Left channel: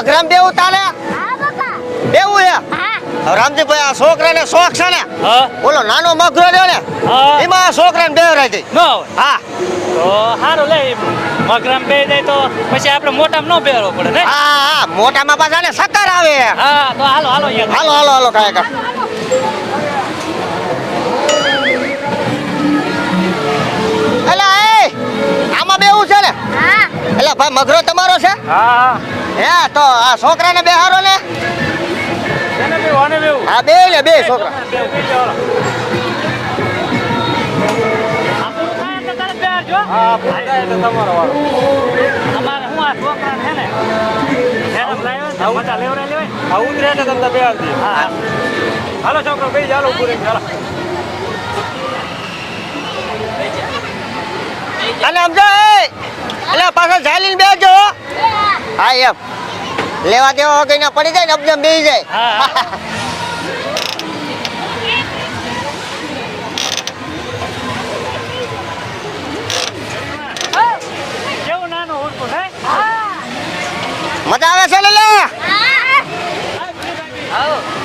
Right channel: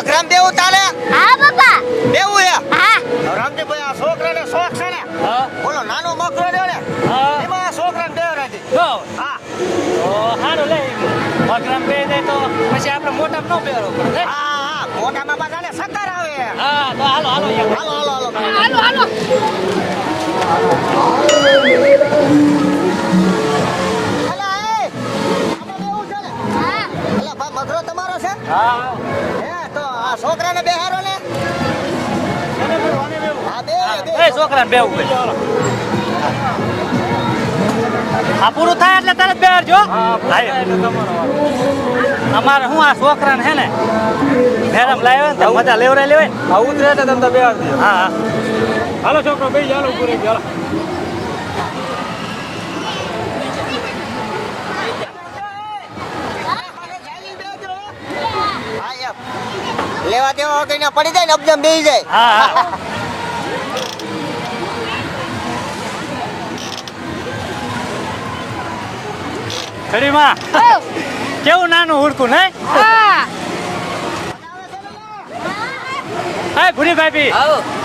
અઘરામ બેવું તાલે હા બાપા. બેવું હે. હા રામજી ભાઈ આ છોકરાને શોખ છે ને? હા. બોલો નાનો મગરો રહ્યો ને? હા. એમાં છોકરાને બેવરાય દે. નો હા. તો હારું લે મગરામ બે જાય તો પછી આપણે મોટામાં ન બેવરો પડે ને હા હા. મોટામાં પાછા ને સક્કર આવે. હા તો હાલો હાલો હાલો હાલો હાલો કાય હાલો હાલો. છોકરાને બેહારો ને બે હા બે ને બે બે છોકરા. છોકરા આ પૂરું થાય એટલે તરત બેહારજો હા એટલે તમારો વારો. અમારે શું આ છોકરાને હે ને હેરમ લાવ્યો ને મજા લેવરાઈ લેવાય. આ ઉતરે એટલે તમને બેહારજો હા હાલો છોકરો બેસી હાલો પૂરે હાલો. અને સમજો એ. એટલે પાછા ઝાલીને બેસજો હો. હા એમ. લેવા દેવા વગર ના પડી જાય ને અબજમ બેસી જાય. ખરી માં કેવું નાનું હુડકું ને મજા આવે છે લે લે? હા. હા ગુરી ભાભી.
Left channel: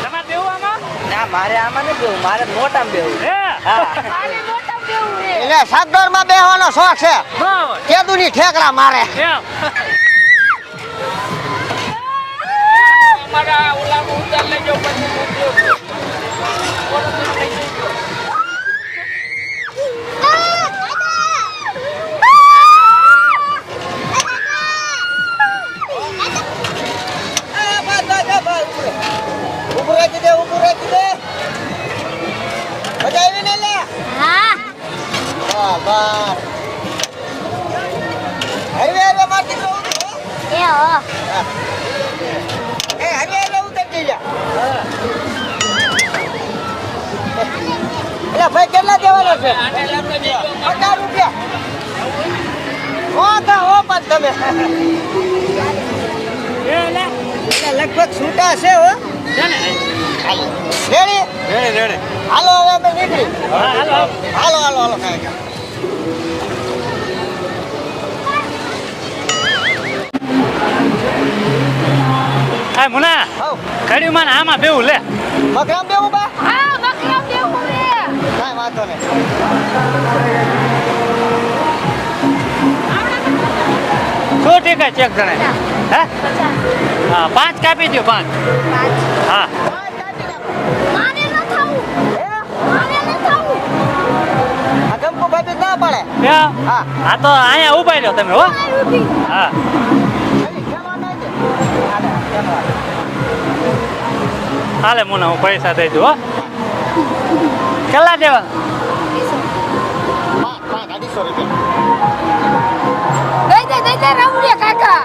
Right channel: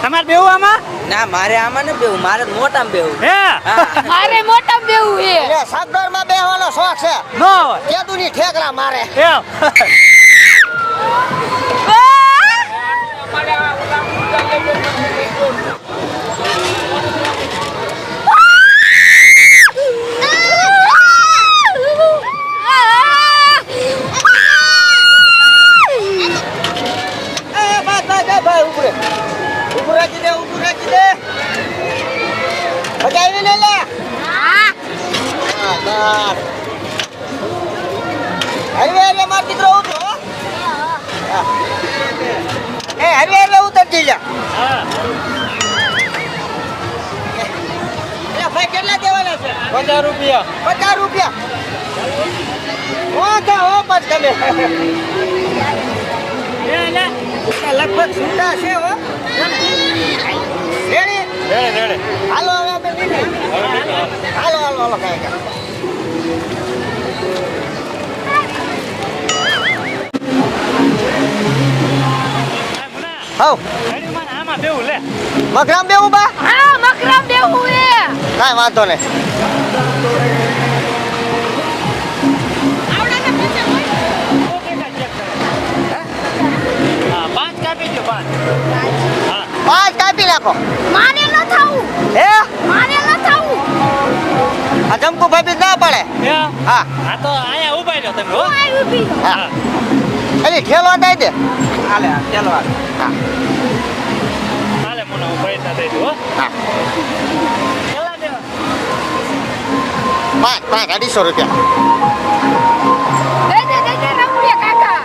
તમારે બેવું આમાં? ના મારે આમાં ને બેવું મારે મોટામાં બેવું. હે? હા. મારે મોટામાં બેવું છે. એટલે માં બેહવાનો શોખ છે. નો કેદુની ઠેકરા મારે. એમ એ બસ બસ બસ ભાઈ ઉપરે ઉપરે રાખી દે ઉપરે રાખી દે મજા આવી ને લે હા હા બસ હાઈવે હાઈવે માર દીકરો ઉતરો હો. એ હો એ હાઈવે હાઈવે ઉતરતી જા હા એટલે ભાઈ કેટલા દેવાના છે? પચાસ રૂપિયા. પચાસ રૂપિયા. લગભગ છૂટા છે હો. હાલો હાલો. હાલો હાલો કાંઈ હવ. ઘડી માં આમાં બેવું લે. મકરામ બેવું બા? હા મકરામ બેવું એ કાંઈ વાંધો નહીં. શું ટીકા ચેક કરે. હે? હા પાંચ કાપી દો પાંચ. હા. પાંચ કાપી નાખો. મારે ન થવું હે? મારે ન થવું આ જમકુ ભાભી ના પાડે? હા? આ તો અહીંયા ઊભા રહ્યો તમે હો. હા. એની ઠેલો દઈ દે. હાલે ચાલો હાલે. ચાલે મુના હું પૈસા દઈ દઉં હો. કેટલા દેવા? પાંચ પાંચ અઢીસો રૂપિયા. દે દે દે દે રમ્ય કાકા.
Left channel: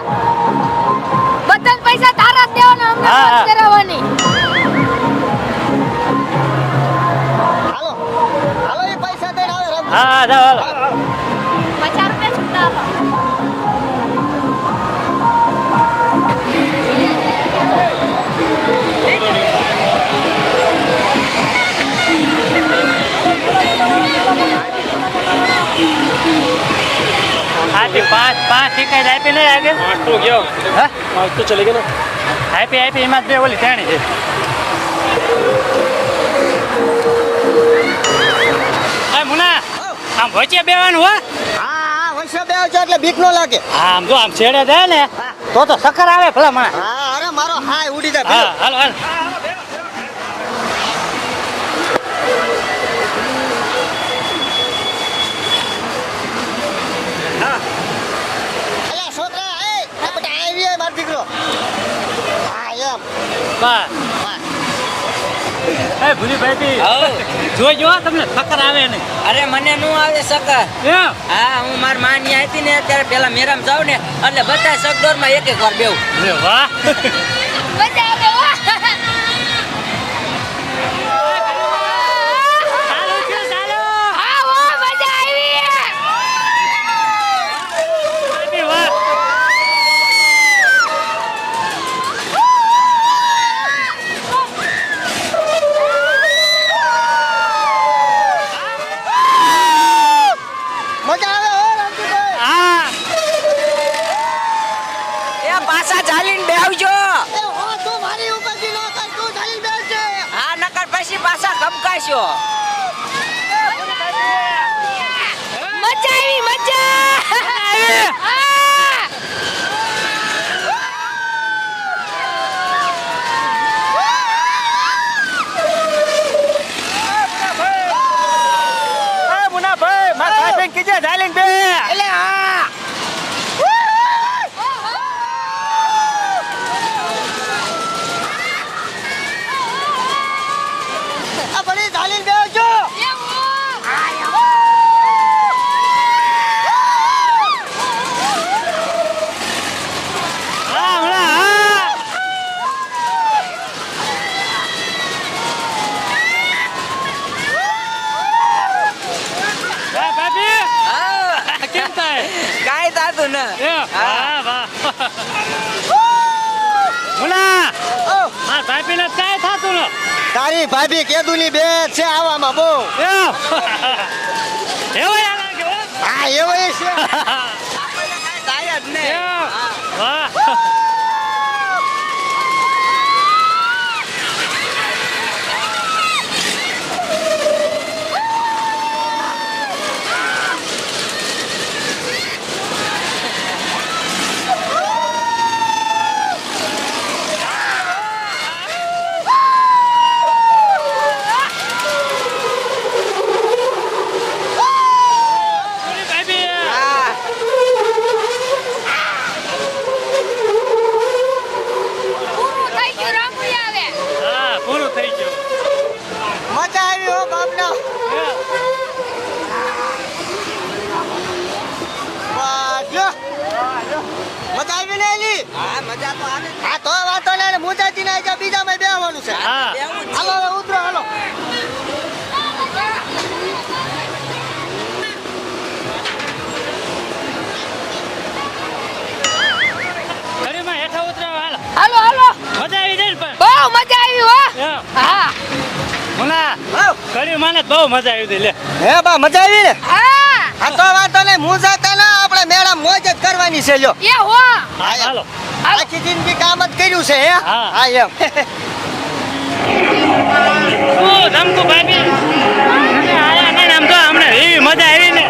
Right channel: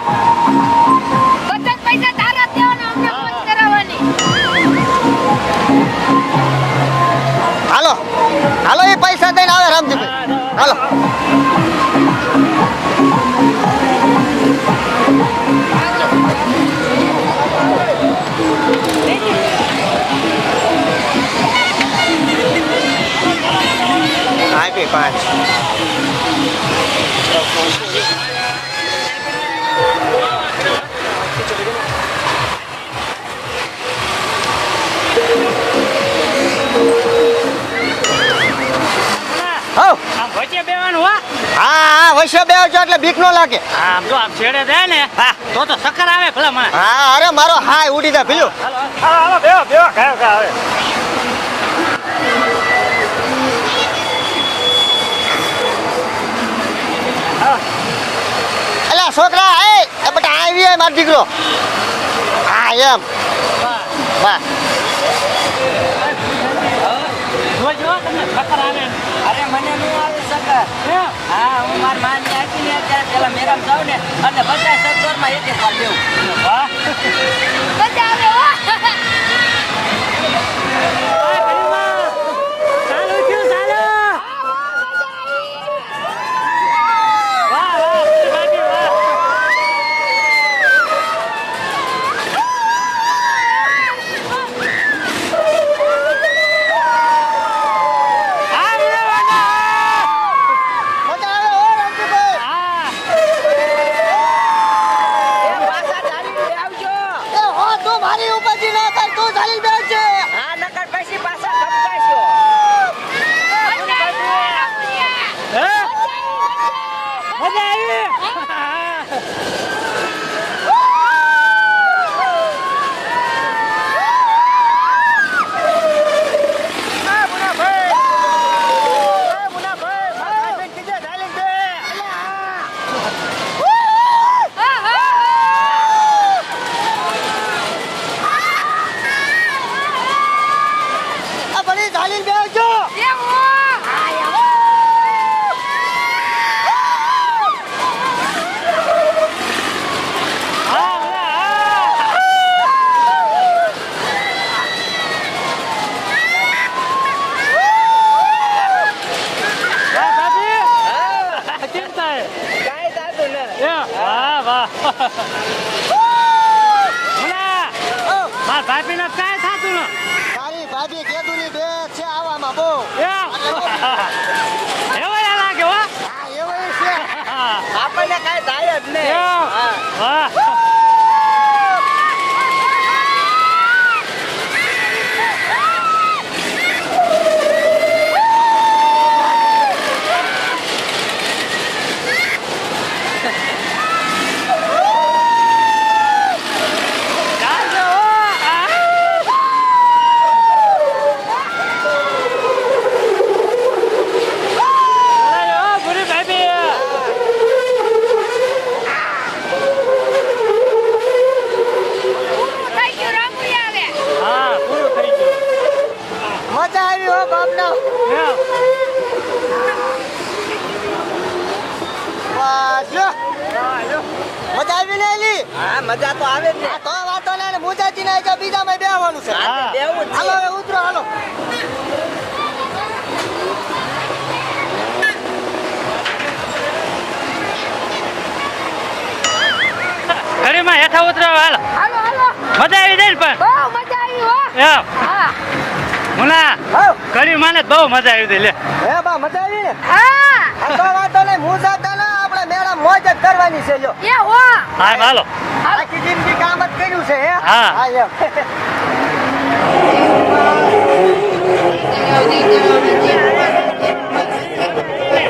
પાંચ? આજે પાંચ પાંચ ટીકા આપી નહીં આપી આટલું ગયો હા? ચલે ગયો આપી આપી એમાં બે ઓલી ઠેણી છે. હા આમ વચ્ચે બેવાનું હા? હા હા વૈશ્ય બે એટલે બીક નો લાગે. આમ જો આમ છેડે જાય ને તો તો સકર આવે ભલા માં હા અરે મારો હાય ઉડી જાય હાલો હાલો. હાલો હાલો બેહો બેહો ખાઓ ખાઓ હવે અલા છોકરા એ એ બેટા મારો દીકરો. હા એમ. બસ. બસ. એ ભૂરી ભાઈ જો હો, તમને ફકર આવે ને. અરે મને નું આવે સકર હા હું માર માની આપી ને ત્યારે પેલા મેરામ જાઉં ને એટલે બધા સગડોરમાં એક એક વાર બેવું વાહ. મજા આવે હો. ચાલો છે ચાલો હા હો મજા આવી વાહ વાહ બાકી વાહ મજા આવે હો રામજીભાઈ હા એ પાછા ચાલીને બે આવજો એ હો તો માર ભાભીને ચાય થાતું ન. તારી ભાભી કેદુની બે છે આવામાં બહુ એવો યાર લાગે હો. એવો આપણને કાંઈ થાય જ નહીં એમ હા. વાહ પૂરું થઈ ગયું રમૂયા લે. હા પૂરું થઈ ગયું મજા આવી હો બાપના બસ લો. મજા આવી ને એલી? હા મજા તો આવે જ તો વાતો ને મોજાજી ના જા બીજા માં બેહવાનું છે. હા. બેહવું છે હાલો હવે ઉતરો હાલો. ઘડીમાં હેઠા ઉતરો હાલ. હાલો હાલો. મજા આવી જાય પણ. બહુ મજા આવી હો. હા. મુના. ઘડી માને બહુ મજા આવી દે લે. હે બા મજા આવી ને? હા. આ તો વાતો ને મુજાતા ના આપણે મેળા મોજ જ કરવાની છે લ્યો. એ હો. હા હાલો. આખી જિંદગી કામ જ કર્યું છે હે? હા. એમ. નામ તો ભાઈ આમ તો હમણાં એવી મજા આવી ને.